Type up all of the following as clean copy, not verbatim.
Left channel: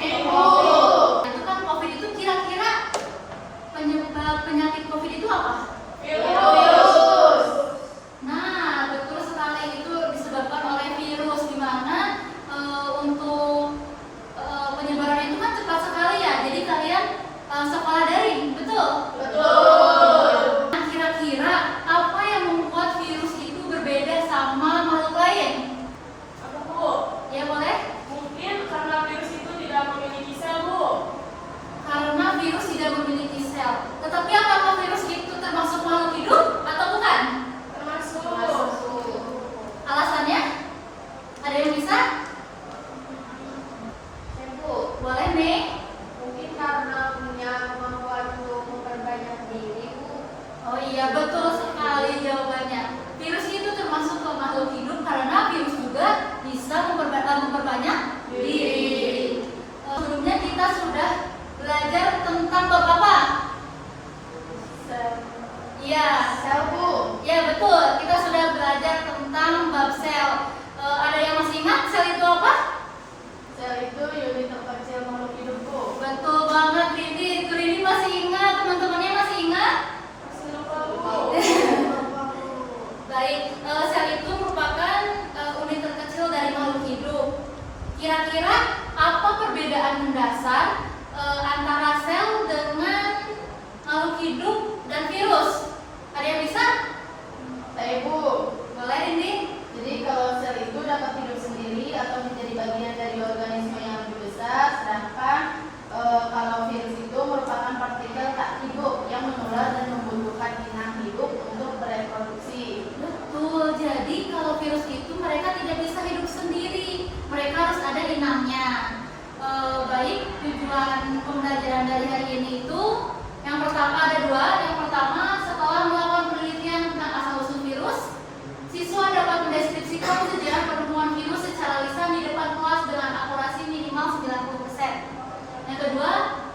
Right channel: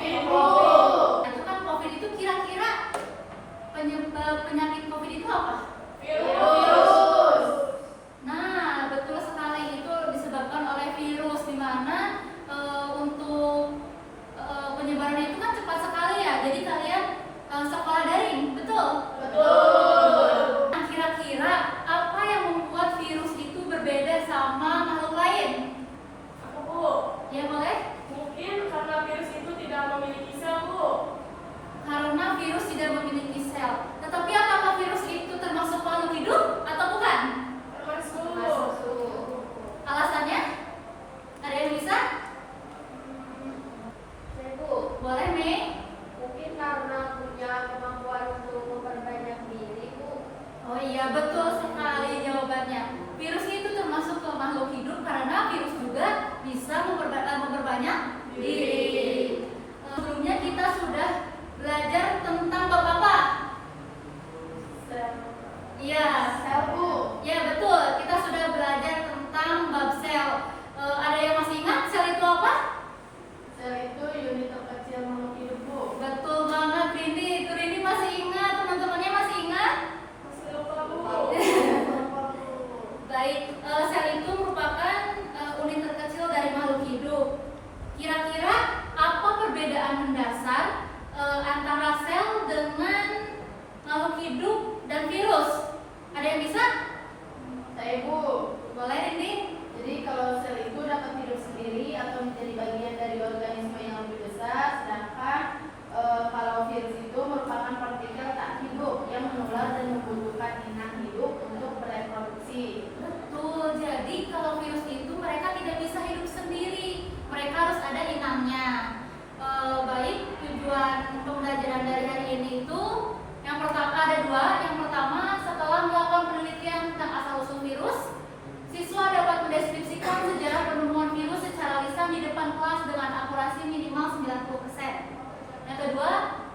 Ibu. Itu kan COVID itu kira-kira penyakit COVID itu apa? Virus. Nah, betul sekali, itu disebabkan oleh virus, di mana untuk penyebarannya itu kan cepat sekali ya. Jadi kalian sekolah daring, betul? Betul. Nah, kira-kira apa yang membuat virus itu berbeda sama makhluk lain? Apa, Bu? Ya boleh? Mungkin karena virus itu tidak memiliki sel, Bu. Karena virus tidak memiliki sel. Tetapi apakah virus itu termasuk makhluk hidup atau bukan? Termasuk. Alasannya? Ada yang bisa? Bu, Boleh nih. mungkin karena punya kemampuan untuk memperbanyak diri, Bu. Oh iya, betul sekali jawabannya. Virus itu termasuk ke makhluk hidup karena virus juga bisa memperbanyak diri. Sebelumnya kita sudah belajar tentang bab apa? Iya, Sel, Bu. ya betul. Kita sudah belajar tentang bab sel. Ada yang masih ingat sel itu apa? Sel itu unit terkecil makhluk hidup, Bu. Betul banget, Rini masih ingat, teman-temannya masih ingat? Masih lupa, Bu. Baik, sel itu merupakan unit terkecil dari makhluk hidup. Kira-kira apa perbedaan mendasar antara sel dengan makhluk hidup dan virus? Ada yang bisa? Bu. Boleh ini? Jadi kalau sel itu dapat hidup sendiri atau menjadi bagian dari organisme yang lebih besar, sedangkan kalau virus itu merupakan partikel tak hidup yang menular dan membutuhkan inang hidup untuk bereproduksi. Betul, jadi kalau virus itu mereka tidak bisa hidup sendiri, mereka harus ada inangnya. Baik, tujuan pembelajaran dari hari ini itu yang pertama ada dua. Yang pertama, setelah melakukan penelitian tentang asal-usul virus, siswa dapat mendeskripsikan sejarah penemuan virus secara lisan di depan kelas dengan akurasi minimal 90%. Yang kedua,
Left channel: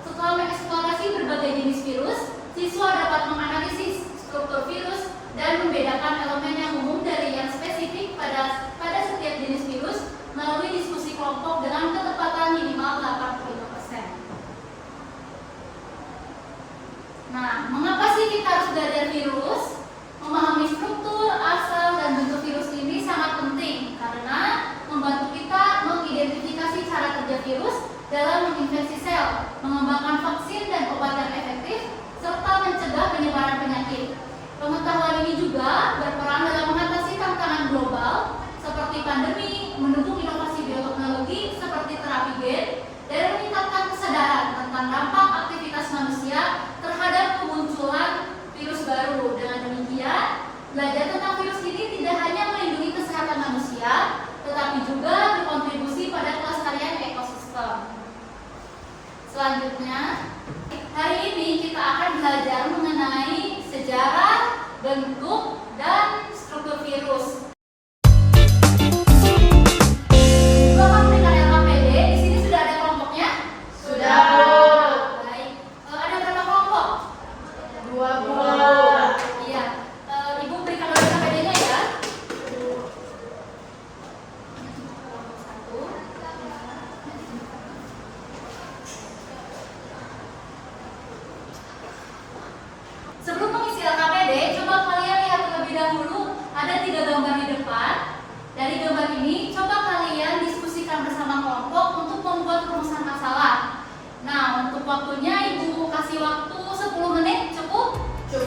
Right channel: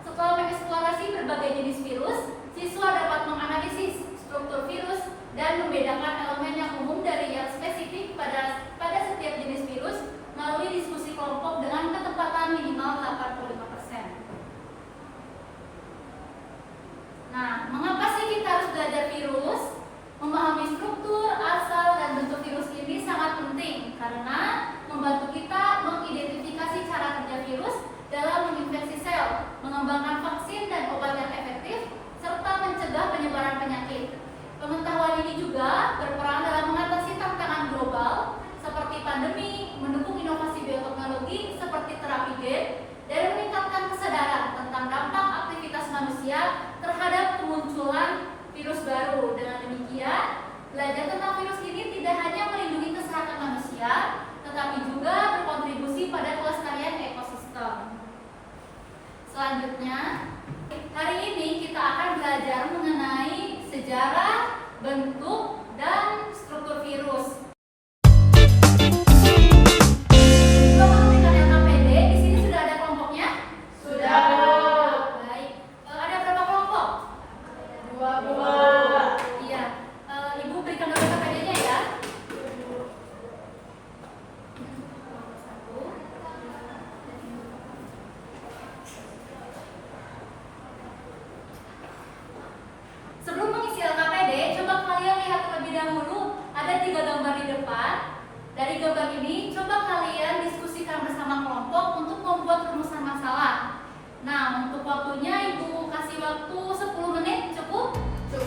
setelah mengeksplorasi berbagai jenis virus, siswa dapat menganalisis struktur virus dan membedakan elemen yang umum dari yang spesifik pada setiap jenis virus melalui diskusi kelompok dengan ketepatan minimal 85%. Nah, mengapa sih kita harus belajar virus? Memahami struktur, asal, dan bentuk virus ini sangat penting karena membantu kita mengidentifikasi cara kerja virus dalam menginfeksi sel, mengembangkan vaksin dan obat yang efektif, serta mencegah penyebaran penyakit. Pengetahuan ini juga berperan dalam mengatasi tantangan global seperti pandemi, mendukung inovasi bioteknologi seperti terapi gen, dan meningkatkan kesadaran tentang dampak aktivitas manusia terhadap kemunculan virus baru. Dengan demikian, belajar tentang virus ini tidak hanya melindungi kesehatan manusia, tetapi juga berkontribusi pada kelestarian ekosistem. Selanjutnya, hari ini kita akan belajar mengenai sejarah, bentuk, dan struktur virus. Bapak memberikan LKPD, di sini sudah ada kelompoknya? Sudah, Bu. Baik. Ada berapa kelompok? 2, Bu. Iya. Ibu berikan dulu LKPD-nya ya. 1. Sebelum mengisi LKPD, coba kalian lihat terlebih dahulu ada 3 gambar di depan. Dari gambar ini, coba kalian diskusikan bersama kelompok untuk membuat rumusan masalah. Nah, untuk waktunya Ibu kasih waktu 10 menit, cukup? Cukup.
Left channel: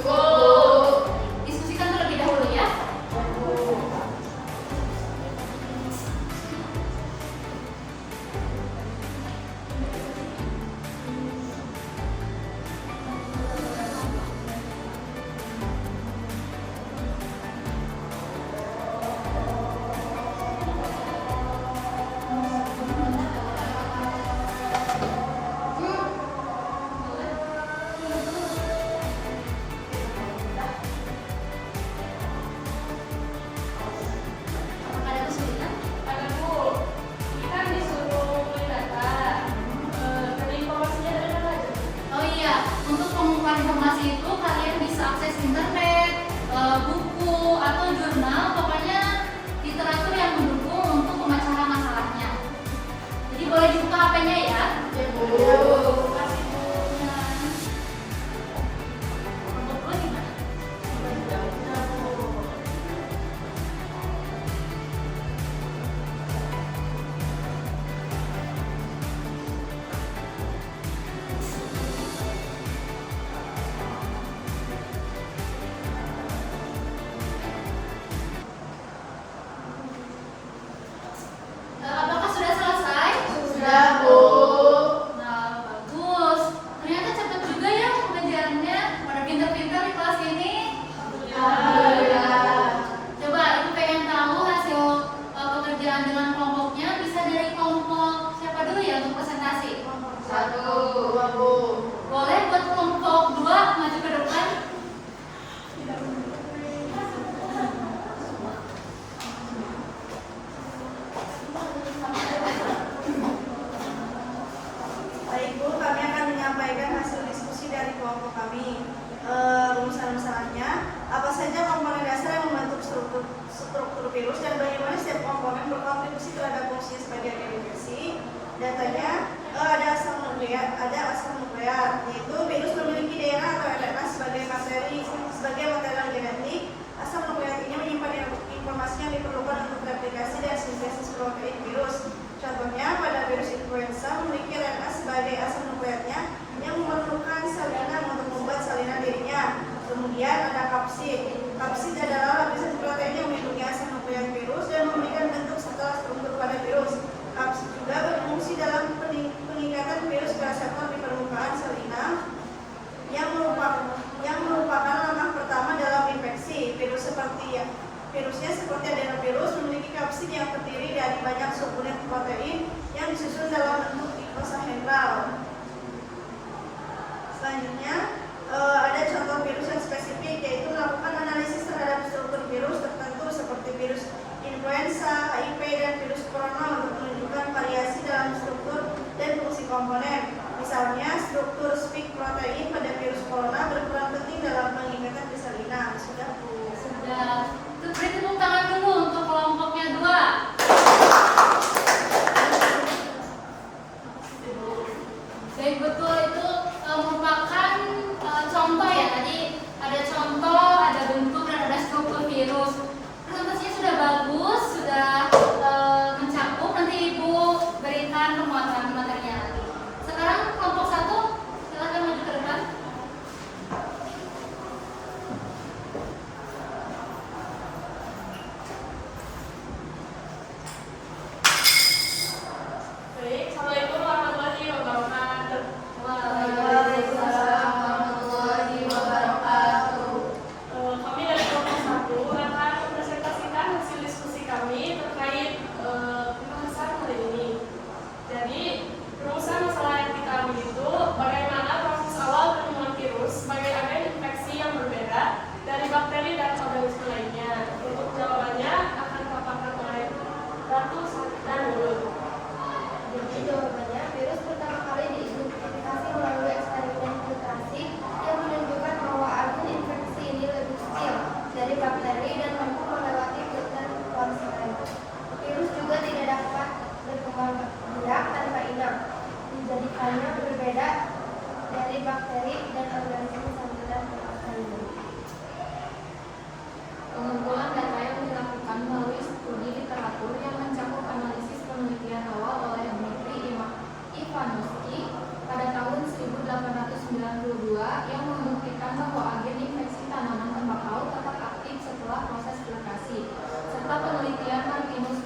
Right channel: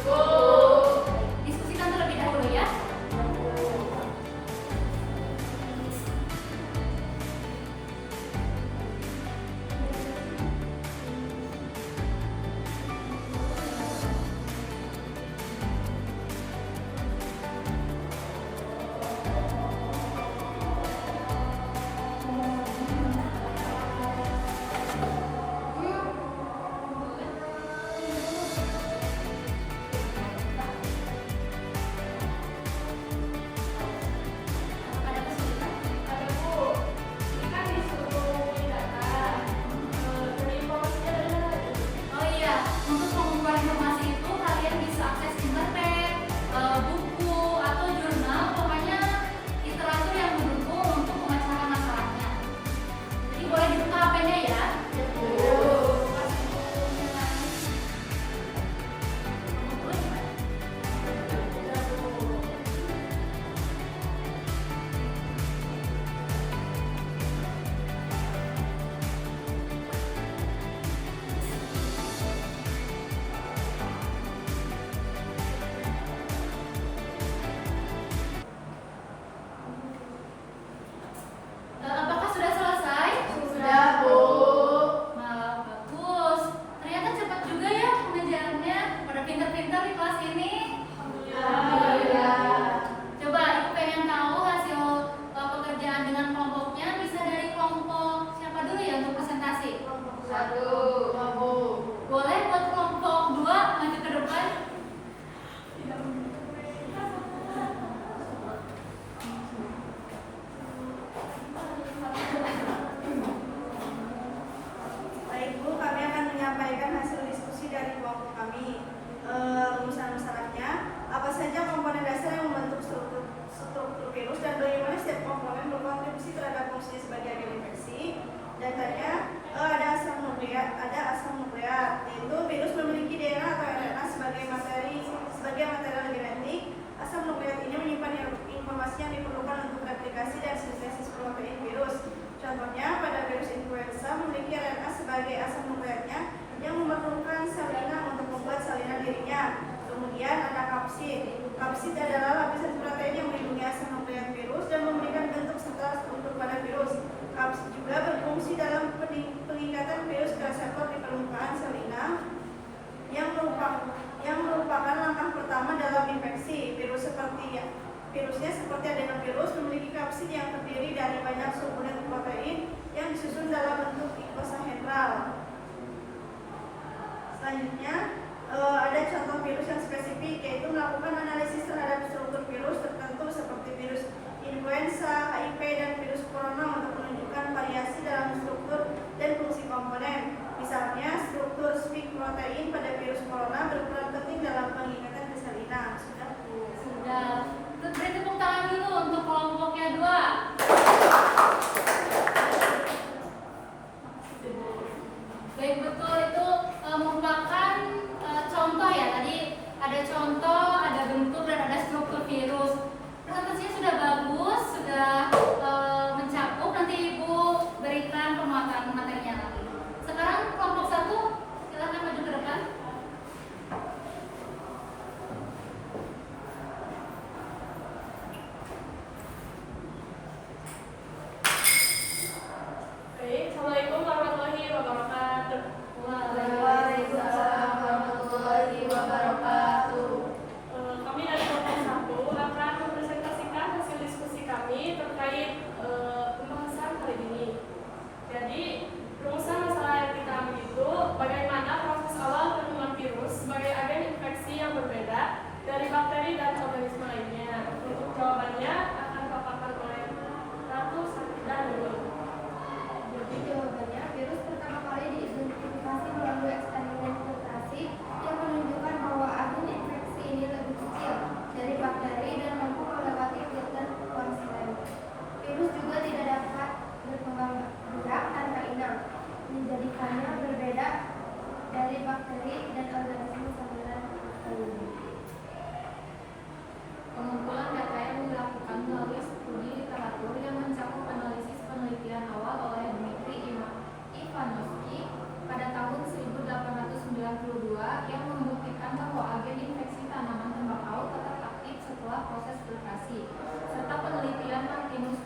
Nyatanya ada asam nukleat, yaitu virus memiliki DNA atau RNA sebagai material genetik. Asam nukleat ini menyimpan informasi yang diperlukan untuk replikasi dan sintesis protein virus. Contohnya pada virus influenza memiliki RNA sebagai asam nukleatnya yang memerlukan sel inang untuk membuat salinan dirinya. Kemudian ada kapsid. Kapsid adalah lapisan protein yang melindungi asam nukleat virus dan memberikan bentuk serta struktur pada virus. Kapsid juga berfungsi dalam peningkatan virus reseptor di permukaan sel inang yang merupakan langkah pertama dalam infeksi. Virusnya seperti adenovirus memiliki kapsid yang terdiri dari banyak subunit protein yang disusun dalam bentuk icosahedral. Selanjutnya ada contoh virus yang spesifik, yaitu melakukan analisis terhadap struktur virus tertentu seperti virus influenza, HIV, dan virus corona untuk menunjukkan variasi dalam struktur dan fungsi komponen. Misalnya, struktur spike protein pada virus corona berperan penting dalam pengikatan di sel inang. Sudah, Bu? Sudah. Beri tepuk tangan dulu untuk kelompoknya 2. Baik, betul, itu merupakan contoh ya. Tadi ada contoh, ada bentuk, dan ada struktur virus. Presentasinya sudah bagus, sudah mencakup. Nanti Ibu berikan pemuatan materinya nanti. Sekarang kelompok 1, silakan maju ke depan. Baik, Assalamualaikum warahmatullahi wabarakatuh. Waalaikumsalam warahmatullahi wabarakatuh. Kami dari kelompok 1 akan mempresentasikan hasil diskusi kami terkait pembahasan hari ini. Jadi, rumusan masalah etik kami itu bagaimana proses awal penemuan virus sebagai agen infeksi yang berbeda dari bakteri dan organisme lainnya. Untuk jawabannya akan dipaparkan oleh Ratu dan Mulut. Jawabannya, virus pertama kali diidentifikasi melalui eksperimen filtrasi yang menunjukkan bahwa agen infeksi ini lebih kecil dari bakteri dan mampu melewati filter Weinstein. Virus juga tidak dapat berkembang biak tanpa inang, menjadikannya berbeda dari bakteri dan organisme saluran lainnya. Pengumpulan data yang dilakukan melalui studi literatur yang mencakup analisis penelitian awal oleh Dmitri Ivanovsky pada tahun 1892 yang membuktikan bahwa agen infeksi tanaman tembakau tetap aktif setelah proses filtrasi, serta penelitian Martinus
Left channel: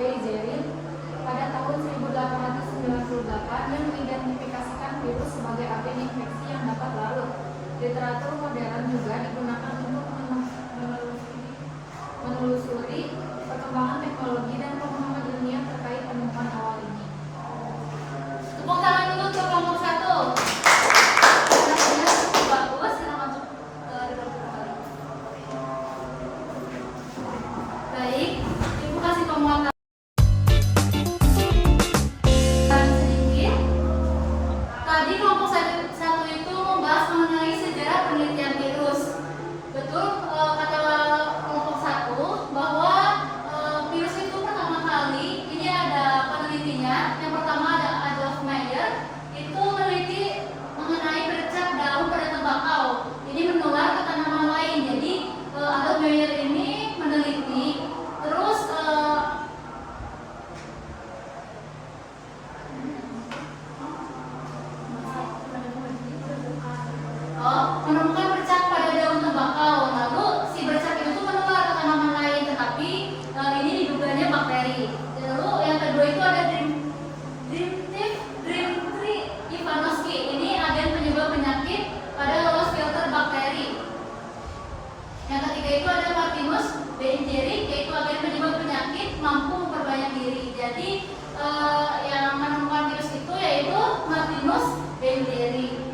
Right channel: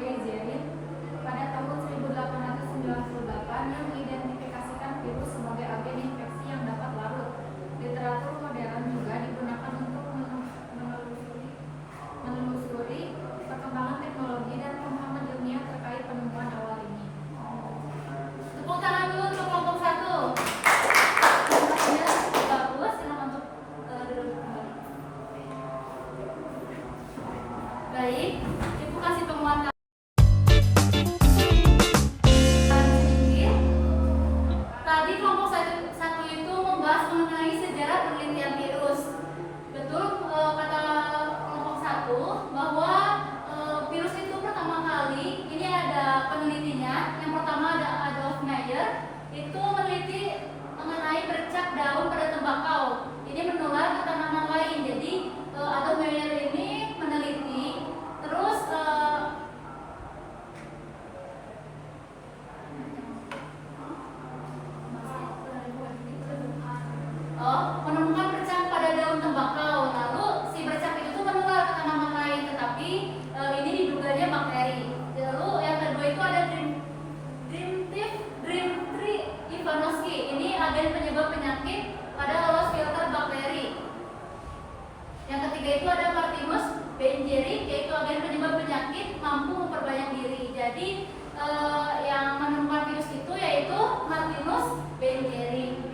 Beizerin pada tahun 1898 yang mengidentifikasikan virus sebagai agen infeksi yang dapat larut. Literatur modern juga digunakan untuk menelusuri perkembangan teknologi dan pemahaman ilmiah terkait penemuan awal ini. Tepuk tangan dulu untuk kelompok 1. Bagus, silakan untuk duduk kembali. Baik, Ibu kasih pemuatan sedikit. Tadi kelompok 1 itu membahas mengenai sejarah penelitian virus. Betul kata kelompok 1 bahwa virus itu pertama kali, ini ada penelitinya. Yang pertama ada Adolf Meyer, itu meneliti mengenai bercak daun pada tembakau. Ini menular ke tanaman lain. Jadi Adolf Meyer ini meneliti, terus menemukan bercak pada daun tembakau. Lalu si bercak itu tuh menular ke tanaman lain, tetapi ini diduganya bakteri. Lalu yang kedua itu ada Dmitri Ivanovsky. Ini agen penyebab penyakit pada lolos filter bakteri. Yang ketiga itu ada Martinus Beizerin, yaitu agen penyebab penyakit mampu memperbanyak diri. Jadi yang menemukan virus itu yaitu Martinus Beizerin.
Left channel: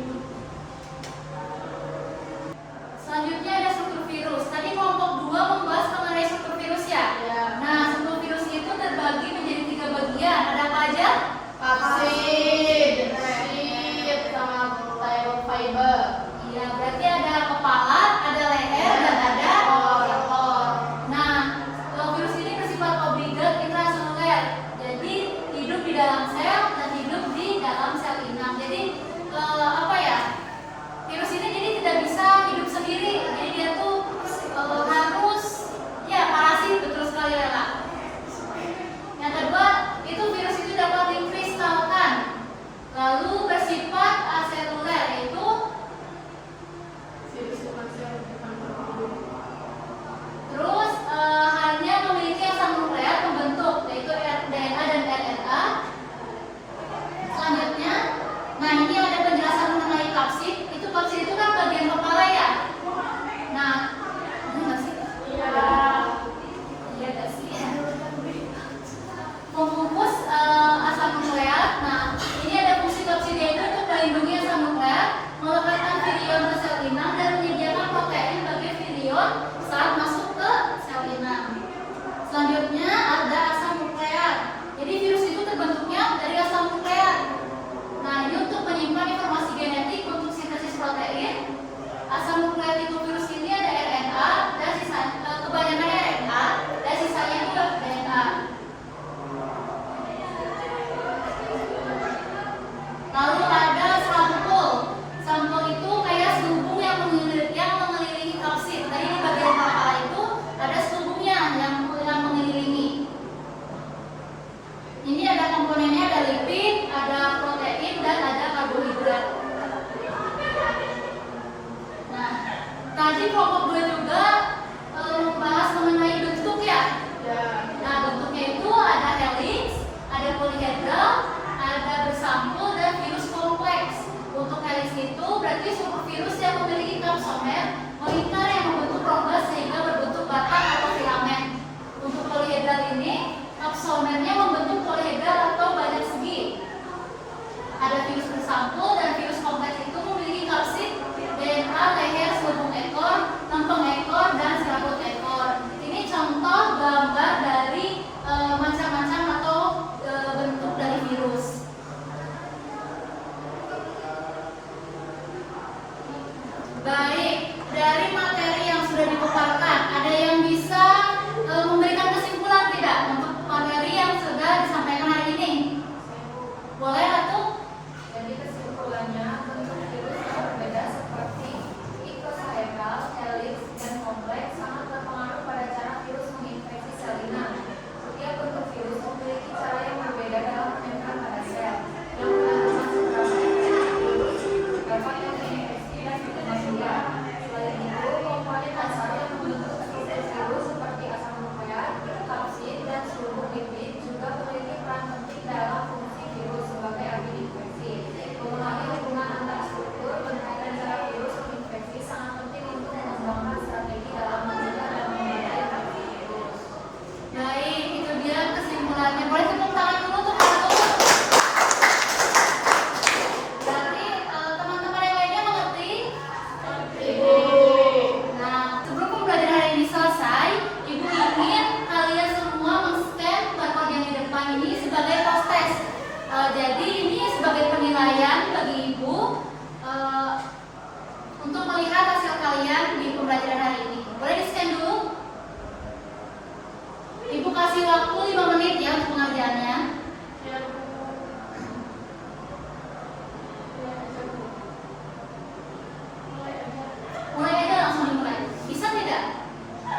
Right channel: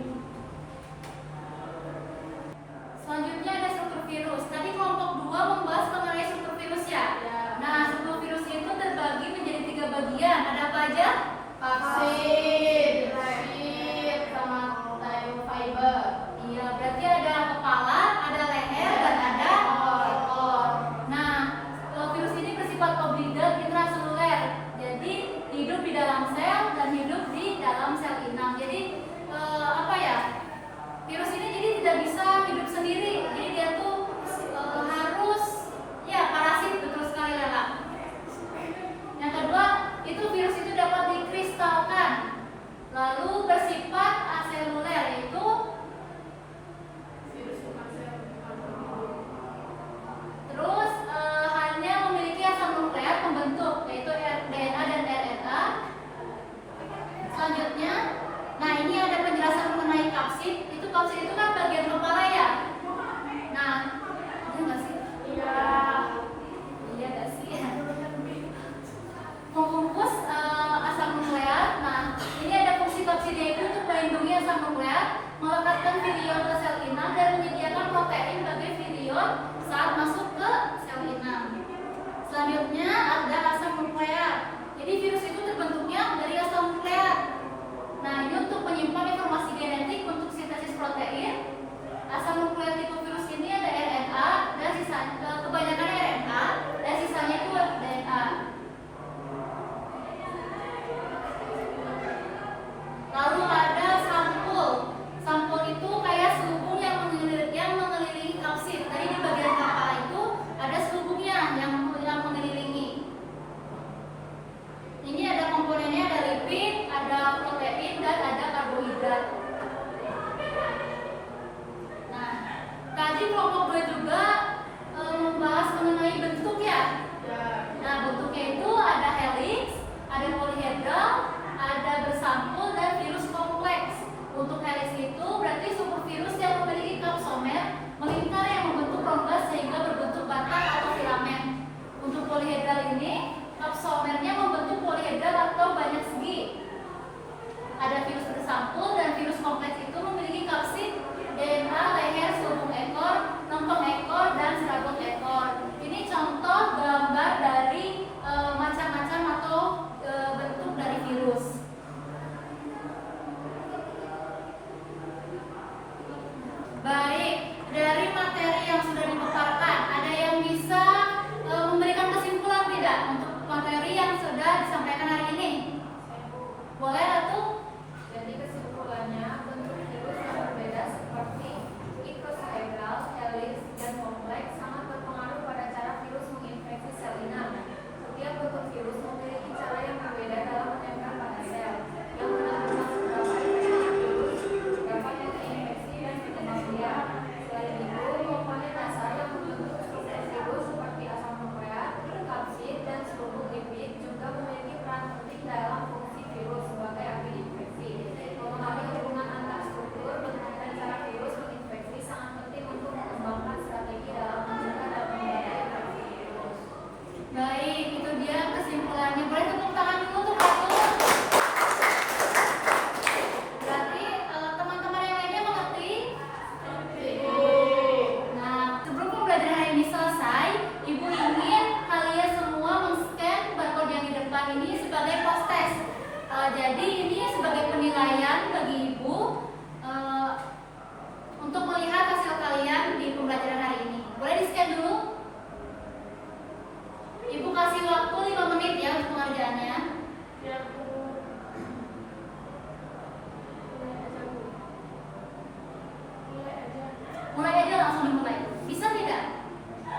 Bisa tidak?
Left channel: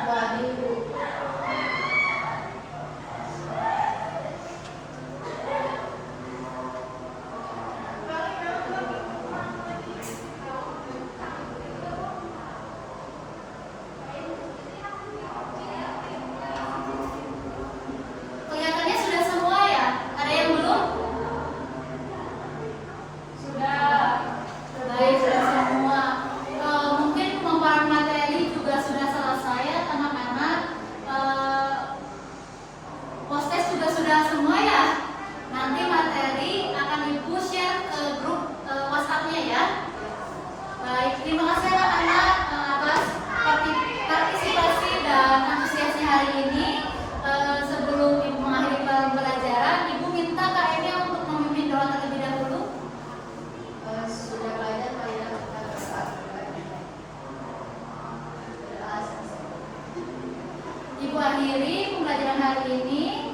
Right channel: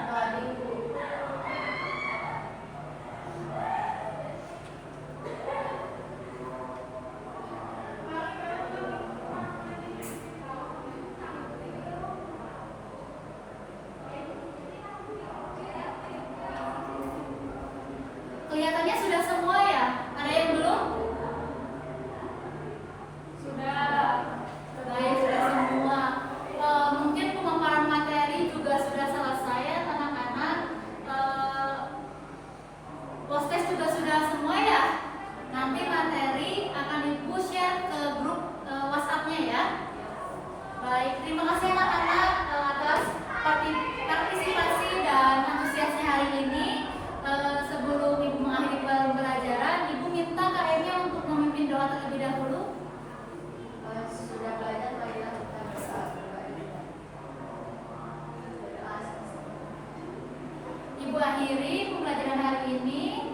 Wadi Ibu. Kelihatannya sudah semua ya? Ada yang belum? Sudah. Baik, sudah semua. Mungkin pemaparan materi juga sudah selesai ya anak-anak. Post-test juga sudah semua ya? Nanti materi akan Ibu share ke grup WhatsApp-nya ya. Baik, terima kasih anak-anak atas partisipasi dan antusiasnya hari ini. Sebelum Ibu mengakhiri pembelajaran, Ibu minta Kak Enya untuk memimpin doa terlebih dahulu. Sudah belajar kalau kita bisa. Ibu akhiri pembelajaran hari ini.